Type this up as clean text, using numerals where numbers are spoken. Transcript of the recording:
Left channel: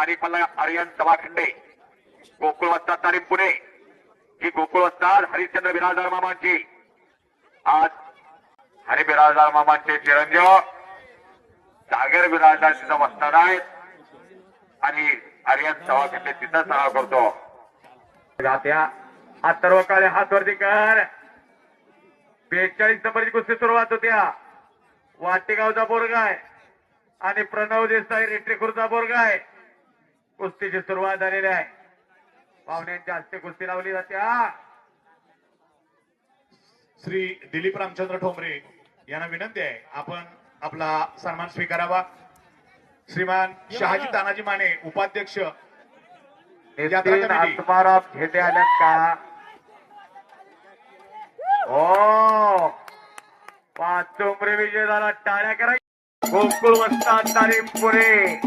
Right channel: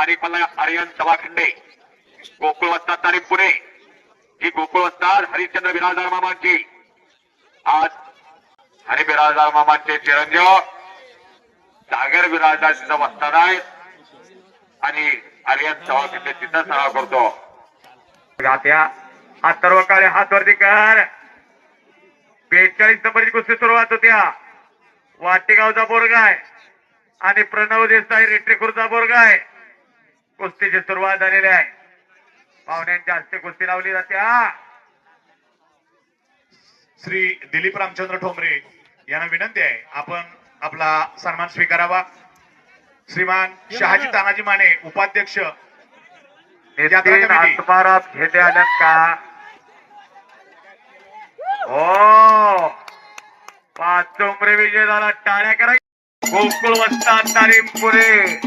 तारीखाला आर्यन सभाखंडे गोकुळ वस्ताद तारीख पुणे ही गोकुळ वस्ताद हरिश्चंद्र बिराजदार मामांची आज हरी बिराजदार मामांचे चिरंजीव सागर बिराजदार तिचा वस्ताद आहे आणि आर्यन सभाखंडे तिथं सराव करतो. गात्या अथर्व काळे हात वरती कर. 42 नंबरची कुस्ती सुरुवात होत्या. वाटेगावचा बोरगाय आणि प्रणव देसाई रेट्रेखुरचा बोरगाय कुस्तीची सुरुवात झालेली आहे. पाहुण्यांच्या हस्ते कुस्ती लावली जाते. श्री दिलीप रामचंद्र ठोंबरे यांना विनंती आहे आपण आपला सन्मान स्वीकारावा. श्रीमान शहाजी तानाजी माने उपाध्यक्ष आत्माराम घेते आल्यात का? हो पाचुंबरे विजय झाला. टाळ्या करा. गोकुळ वस्ताद तालीम पुणे